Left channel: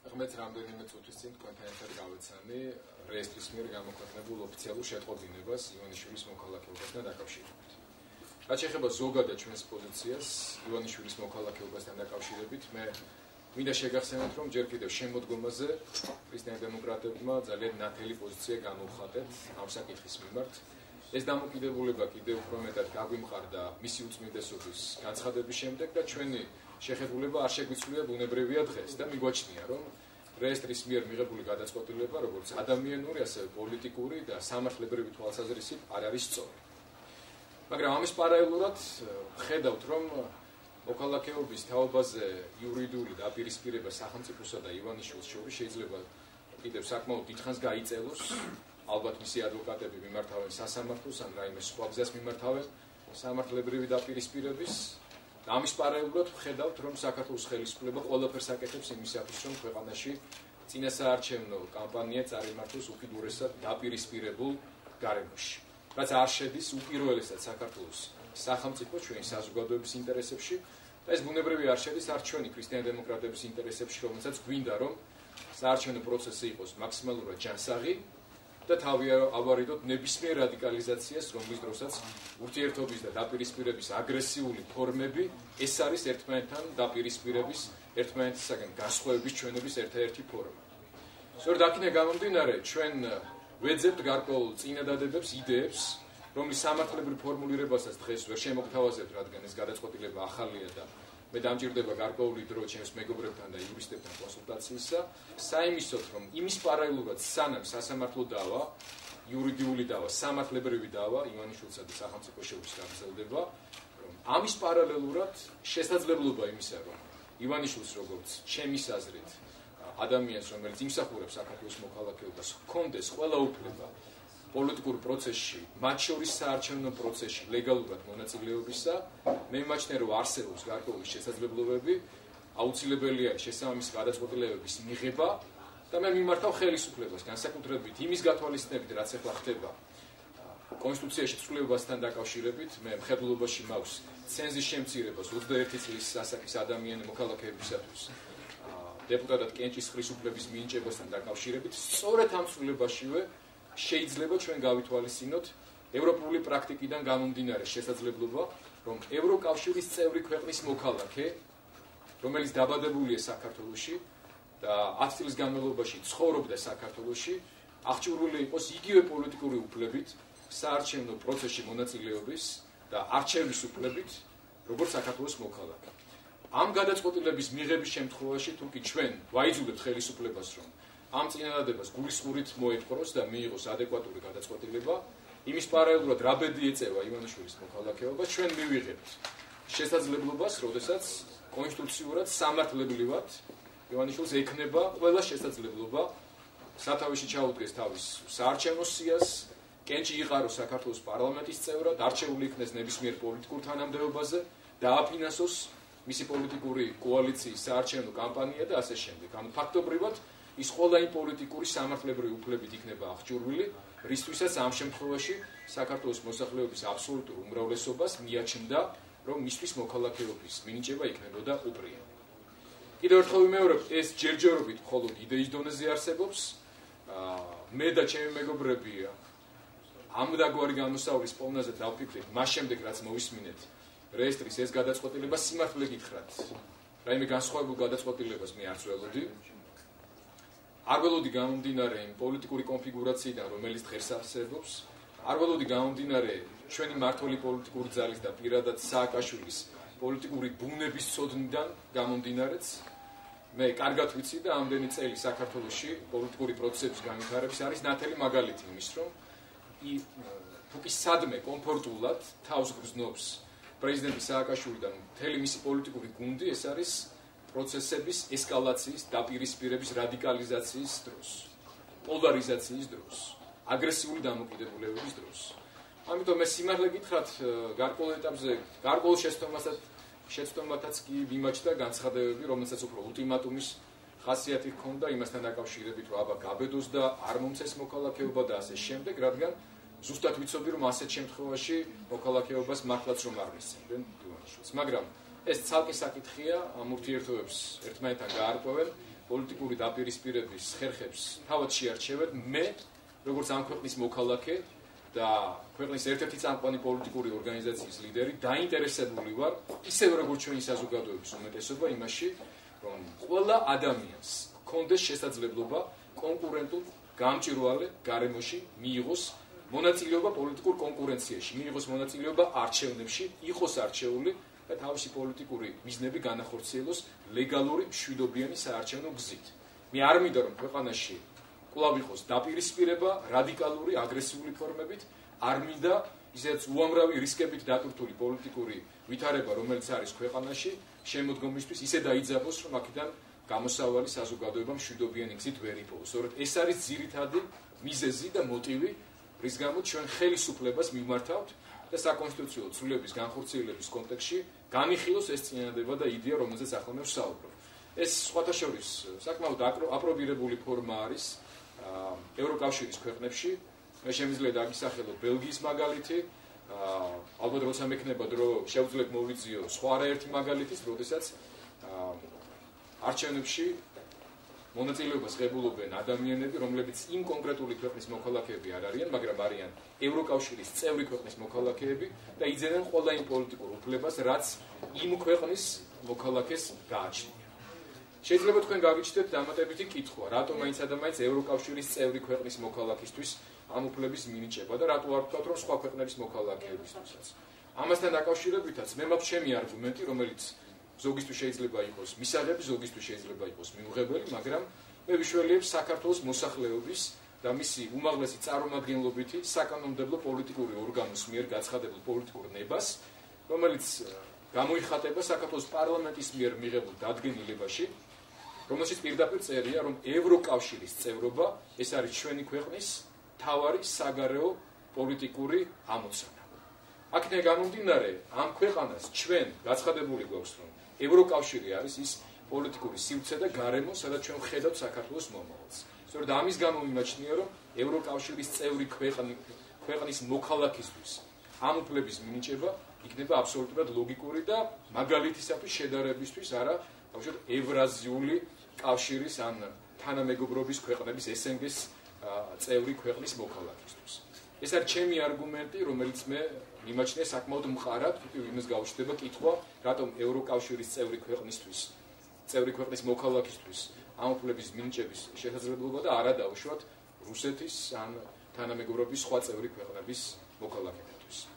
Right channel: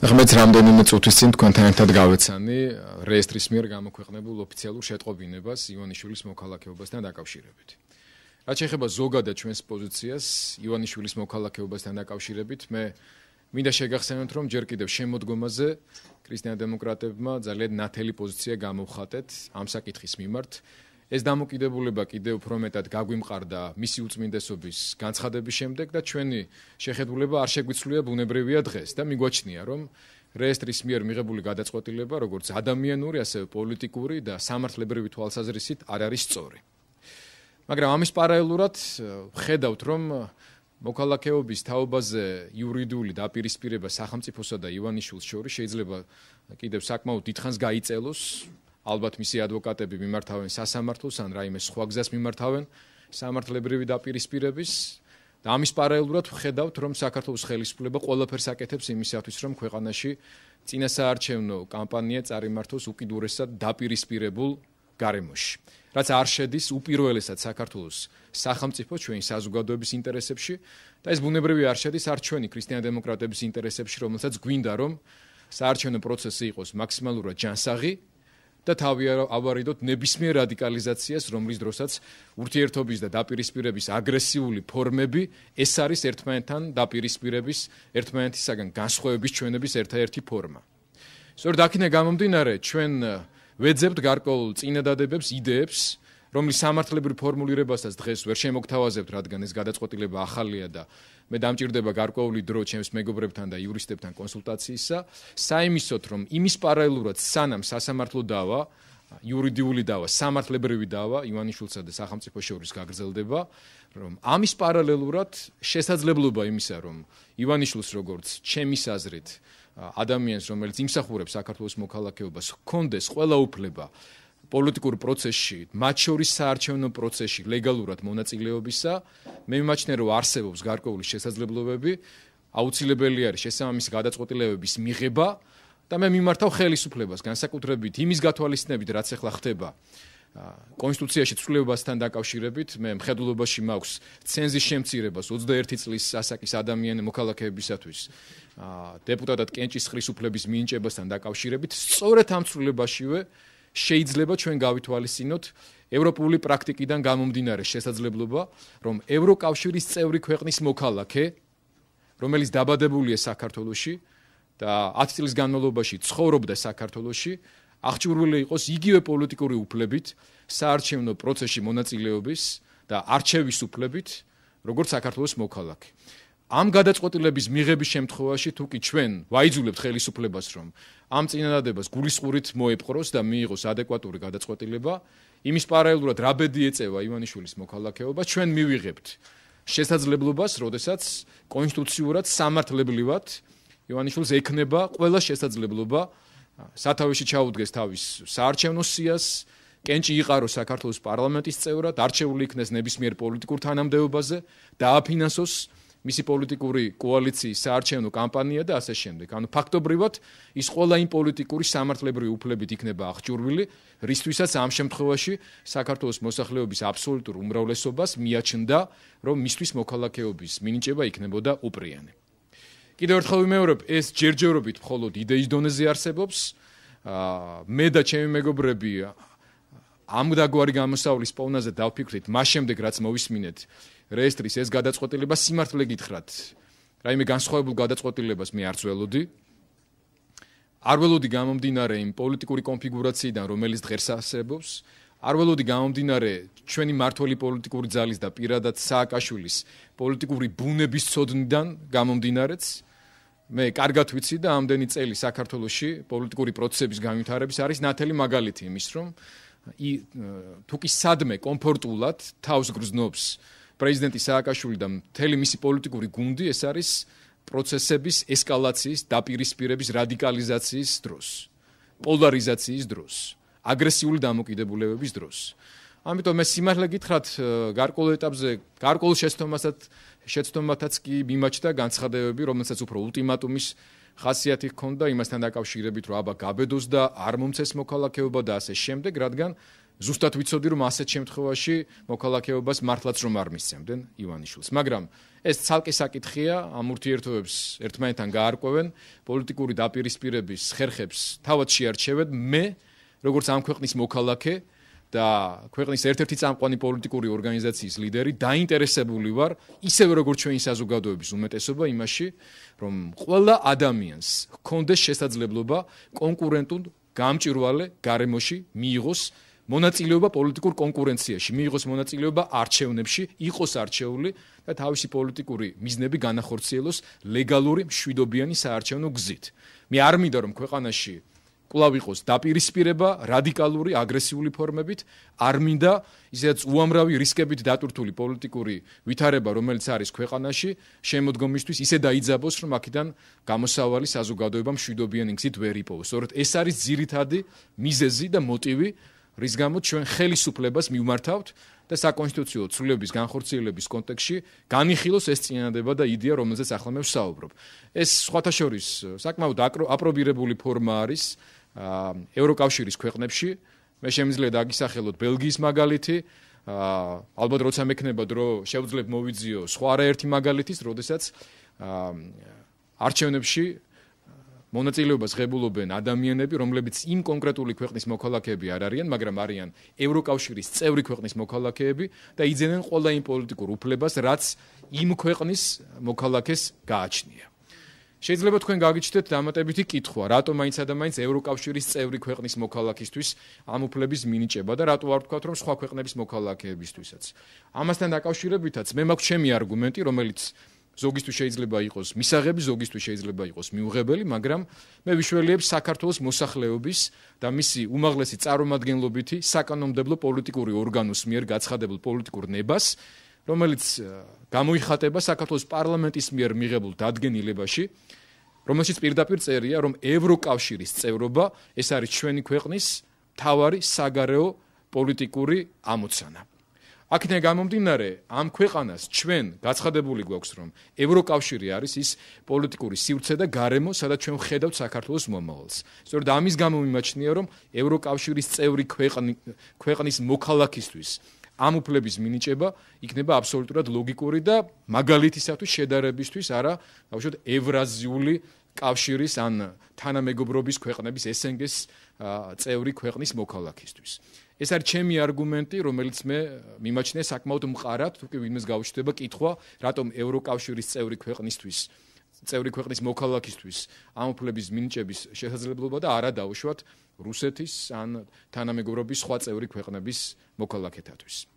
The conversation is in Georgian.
ღმერთს რამდენიმე წუთის წინ თქვენთან ერთად გავეცანი რეესტრის მიერ გამოქვეყნებულ ოფიციალურ შეტყობინებას ივანიშვილის მოქალაქეობასთან დაკავშირებით. რაც შეეხება ზოგადად ჩვენს პოზიციას ივანიშვილის მოქალაქეობასთან დაკავშირებით, მე მინდა შეგახსენოთ, რომ ჯერ კიდევ შემოდგომაზე ქრისტიან-დემოკრატებმა ძალიან ნათელი პოზიცია გამოვხატეთ ამ საკითხის მიმართ. ეს დამოკიდებულება კიდევ უფრო მეტად გაგვიმყარდა მისი უწმინდესობის განცხადების შემდეგ და ჩვენი შეხედულება არ შეგვიცვლია ბუნებრივია დღეს და მიგვაჩნია, რომ რეესტრის მიერ მიღებული გადაწყვეტილება, როგორც ადამიანური, ასევე პოლიტიკური და სამართლებრივი თვალსაზრისით არ არის სწორი. მაგრამ ამის პარალელურად ხედავთ, რომ მოქალაქეობის თაობაზე იურიდიული დაპირისპირება სახელმწიფოსა და ივანიშვილს შორის შეიძლება კიდევ საკმაოდ დიდხანს გაიწელოს. ალბათ მისი ადვოკატები მიმართავენ სასამართლოს ან რაიმე სხვა გზას მიმართავენ სამართლებრივი დაპირისპირების და ამის პარალელურად ვხედავთ, რომ საქართველოს ხელისუფლება ყველაფერს აკეთებს იმისათვის, რომ ქვეყანაში წინასაარჩევნო კამპანია წარიმართოს უკიდურესად დაპირისპირებულ გარემოში. რაც არ შედის უპირველესად საქართველოს სახელმწიფო ჩვენი საზოგადოების ინტერესებში და ეს ბუნებრივი არ შედის არც ჩვენი ქრისტიან-დემოკრატების ინტერესებში, რომელსაც გვინდა, რომ საარჩევნო პროცესი იყოს მაქსიმალურად ჯანსაღი და თავი ავარიდოთ ნებისმიერ რადიკალიზაციას, რომლის დროსაც ურთიერთობის და დაპირისპირების აგრესიული ფორმები ეს არის ერთმანეთთან დაპირისპირების, ერთმანეთისაგან განსხვავების ჩვენების ერთადერთი ფორმა. სწორედ აქედან გამომდინარე, ჩვენ ვეძებთ გარკვეულ წინადადებებს, იდეებს, რომლის სამართლებრივ ფორმულირებასაც დღეს ვერ შემოგთავაზებთ, რადგან ეს გადაწყვეტილება ახალია და მე დამჭირდება გარკვეული დრო ჩემს მეგობრებთან და იურისტებთან კონსულტაციისა, საიმისოთ, რომ იმის პარალელურად სანამ სასამართლო დავა, იურიდიული დავა, სამართლებრივი დავა ივანიშვილსა და სახელმწიფოს შორის გაგრძელდება, რომ ამის პარალელურად შესაძლებლობა იმისა, რომ ივანიშვილს როგორც ჩემის აზრით ადამიანს, რომელიც იმსახურებს საქართველოს მოქალაქეობას, ჰქონდეს ყველა უფლება პოლიტიკურ პროცესში, მათ შორის საარჩევნო პროცესში ლეგალურად მონაწილეობისა, მე მიმაჩნია, რომ არსებობს გარკვეული შესაძლებლობები, აუცილებელი არის შესაბამისი გადაწყვეტილებების მიღება და მე მიმართავ ხელისუფლებას, განსაკუთრებით იმის გათვალისწინებით, რაც ახლა ხდება კონსტიტუციაში ცვლილებასთან დაკავშირებით, მე მხედველობაში მაქვს ცენზის შემცირებას 21 წლის ასაკის ადამიანის მოქალაქეებისათვის დეპუტატად კენჭისყრის უფლების მინიჭებასთან დაკავშირებით, სწორედ ამ ცვლილებაშივე შეიძლება ჩვენ გავითვალისწინოთ ევროპული პრაქტიკიდან გამომდინარე შესაძლებლობა, რომ ევროკავშირის წევრი ქვეყნის მოქალაქე, რომელიც დაბადებულია საქართველოში და 10 წლის განმავლობაში ცხოვრობდა საქართველოში, აღჭურვილი იყოს იგივე პოლიტიკური უფლებით, საარჩევნო პროცესში მონაწილეობის და არჩევის უფლებით, როგორც საქართველოს მოქალაქე. ამ გადაწყვეტილების მიღების შემთხვევაში თუ კი ჩვენ ვაიძულებთ ხელისუფლებას, რომ ამ წინადადებას გულისყურით მოეპყროს და მიიღოს ადეკვატური გადაწყვეტილება, იმის პარალელურად რა ბედი ეწევა ივანიშვილის მოქალაქეობა, ჩვენ მივიღებთ შესაძლებლობას, როდესაც კონსტიტუციურად სამართლებრივად ივანიშვილს ექნება ყველა შესაძლებლობა სათავეში ჩაუდგეს თავის საარჩევნო სიას, კენჭი იყაროს საქართველოს პარლამენტის წევრად, არჩეული იქნეს ნებისმიერ პოლიტიკურ თანამდებობაზე და აფინანსოს მისი პოლიტიკური კოალიციის საარჩევნო კამპანია და ასე შემდეგ. ანუ ფაქტობრივად ის ყველა იმ პოლიტიკური სამართლებრივი უფლებით იქნება აღჭურვილი, რისთვისაც ამ შემთხვევაში საქართველოს მოსახლეობის აბსოლუტურ უმრავლესობას მიაჩნდა, რომ მისთვის მოქალაქეობის მინიჭება იქნებოდა უპრიანი. კიდევ ერთხელ ვიმეორებ, ეს ჯერჯერობით მხოლოდ იდეის დონეზე არსებობს. მე და ჩემი მეგობრები ამ დაგვარი გამოსავლის პოვნაზე დავფიქრეთ, მას შემდეგ რაც მოვისმინეთ რეესტრის ეს გადაწყვეტილება, სიმართლე გითხრათ, რაიმე განსხვავებულ გადაწყვეტილებას მე არც ველოდი. არ ველოდი გამომდინარე იმ პოლიტიკური კონფიგურაციიდან, რომელიც დღეს არსებობს, არ ველოდი გამომდინარე ჩვენი მმართველი პოლიტიკური ძალის და პირადად სააკაშვილის პოლიტიკური ბუნების ცოდნიდან გამომდინარეც, მე კარგად ვიცი და ამდენი წელი საქართველოში პოლიტიკური პროცესების განვითარების არის ნათელი მაგალითი იმის, რომ თუ კი სადმე კომფორტულად თავს გრძნობს პრეზიდენტი სააკაშვილი და მთელი მისი პოლიტიკური გუნდი, ეს არის პროცესების ესკალაციის, დაპირისპირების, რადიკალიზაციის დროს, პოლარიზაციის დროს, აგრესიული დამოკიდებულებების დროს. ამიტომ მე სიმართლე გითხრათ, გარკვეულ ეტაპზე, გარკვეულ შეცდომათაც კი მიმაჩნდა განცხადებები, რომელსაც უფრო ულტიმატუმის ხასიათი ჰქონდა იმასთან დაკავშირებით, რომ აბა გაბედოს და არ მომცეს მოქალაქეობა და ასე შემდეგ, რადგან ზუსტად ვიცოდი, რომ ასეთ შემთხვევაში მოქალაქეობას მართლაც რომ არ მისცემდნენ ივანიშვილს. მაგრამ ეს ცალკე საკითხია, ამ ურთიერთობებს ერთმანეთთან გაარკვევენ, პოლიტიკური დაპირისპირების ხერხებს თავად შეარჩევენ. მე, როგორც ამ ქვეყნის მოქალაქე და ქვეყნის ერთ-ერთი წამყვანი პოლიტიკური ორგანიზაციის ლიდერი, დაინტერესებული ვარ, ისევე როგორც ჩვენი საზოგადოების უმეტესობა იმაში, რომ ყველა ადამიანს ჰქონდეს შესაძლებლობა კონკურენტულ გამჭვირვალე გარემოში მიიღოს მონაწილეობა პოლიტიკურ კონკურენციაში, მიიღოს მონაწილეობა არჩევნებში, იყოს არჩეული და თავისი პოლიტიკური მიზნები განახორციელოს ლეგალური მშვიდობიანი საარჩევნო გზით. მე არ მინდა რომ ქვეყანაში კვლავ იყოს დაპირისპირება რადიკალური აგრესიული ფორმებით, არ მინდა ისედაც უამრავი რისკებით დატვირთული პოლიტიკური ვითარება, რომელიც არის ქვეყანაში, შემოდგომისთვის ისე დაიძაბოს, რომ აქედან გამოსავალი საზოგადოება მშვიდობიანი გზით ვერ იპოვოს. სწორედ ეს არის ძირითადი მიზეზი და მოტივი, რის გამოც ჩვენ ხელისუფლებას მივმართავთ და საკონსტიტუციო ცვლილების განხორციელების კონტექსტში განიხილოს ეს წინადადება და იდეა, რომელზეც ახლა მე ვსაუბრობ. ეს სხვათა შორის საკმაოდ აპრობირებული ფორმა არის ევროკავშირის ქვეყნებში. მე შემიძლია დაგისახელოთ ბელგიის მაგალითი, ალბათ როცა მექნება დრო შევძლებ მოვიძიო სხვა არაერთი მაგალითის, როდესაც არჩევნებში მონაწილეობას ღებულობენ ადამიანები, რომლებიც იმ კონკრეტული ქვეყნის მოქალაქეები არ არიან, მაგრამ არიან ევროკავშირის წევრი ქვეყნის მოქალაქეები და იძენენ ყველა იმ პოლიტიკურ უფლებას, რაც იმ ქვეყნის მოქალაქეს გააჩნია. შეიძლება თქვენ გაგიჩნდეთ დამატებითი კითხვა, რატომ მაინც ადამიანს ევროკავშირის წევრი ქვეყნის მოქალაქისთვის ამ უფლების მინიჭება და რატო არ ვთქვათ, რომ სხვა ქვეყნების მოქალაქეებისთვისაც. ამასთან დაკავშირებითაც მე მაქვს ჩემი არგუმენტი, რომელიც ზოგისთვის შეიძლება იყოს მისაღები, ზოგისთვის შეიძლება იყოს მიუღებელი, მაგრამ მე ვიშველიებ საქართველოს მოსახლეობის და მისი უმაღლესი წარმომადგენლობითი საკანონმდებლო პოლიტიკური ორგანოს მიერ გაცხადებულ პოლიტიკურ ნებას, რომელიც გამოიხატება საქართველოს პარლამენტის მიერ მიღებულ დადგენილებაში, რომელშიც პირდაპირ წერია, რომ ევროკავშირის წევრობა ეს არის ჩვენი ქვეყნის მთავარი საგარეო პოლიტიკური ამოცანა. აქედან გამომდინარე, ამ ქვეყანას ჩვენ გაცხადებული გვაქვს, რომ ევროკავშირი არის ის პოლიტიკური სივრცე და გარემო, სადაც ჩვენ ვხედავთ საქართველოს მომავალს. სწორედ ამის გამო მიმაჩნია, რომ ევროკავშირის წევრი ქვეყნის მოქალაქისთვის ამ უფლების მინიჭება იქნება აბსოლუტურად ლოგიკური და მაგალითისათვის შედარებისთვის არა, ბავშვად, ევრაზიული კავშირის ან თანამეგობრობის ქვეყნების SNG-ს წევრი ქვეყნის მოქალაქისთვის. ეს არის ჩემი არგუმენტი, რომელიც მე მიმაჩნია საკმაოდ მყარად, თუ კი ვინმეს გაუჩნდება კითხვა, რატომ ევროკავშირის წევრი ქვეყნის მოქალაქისთვის ამ უფლების მინიჭების შესაძლებლობა და არა დაუშვათ რუსეთის ან თანამეგობრობის სხვა წევრი ქვეყნების მოქალაქეთათვის.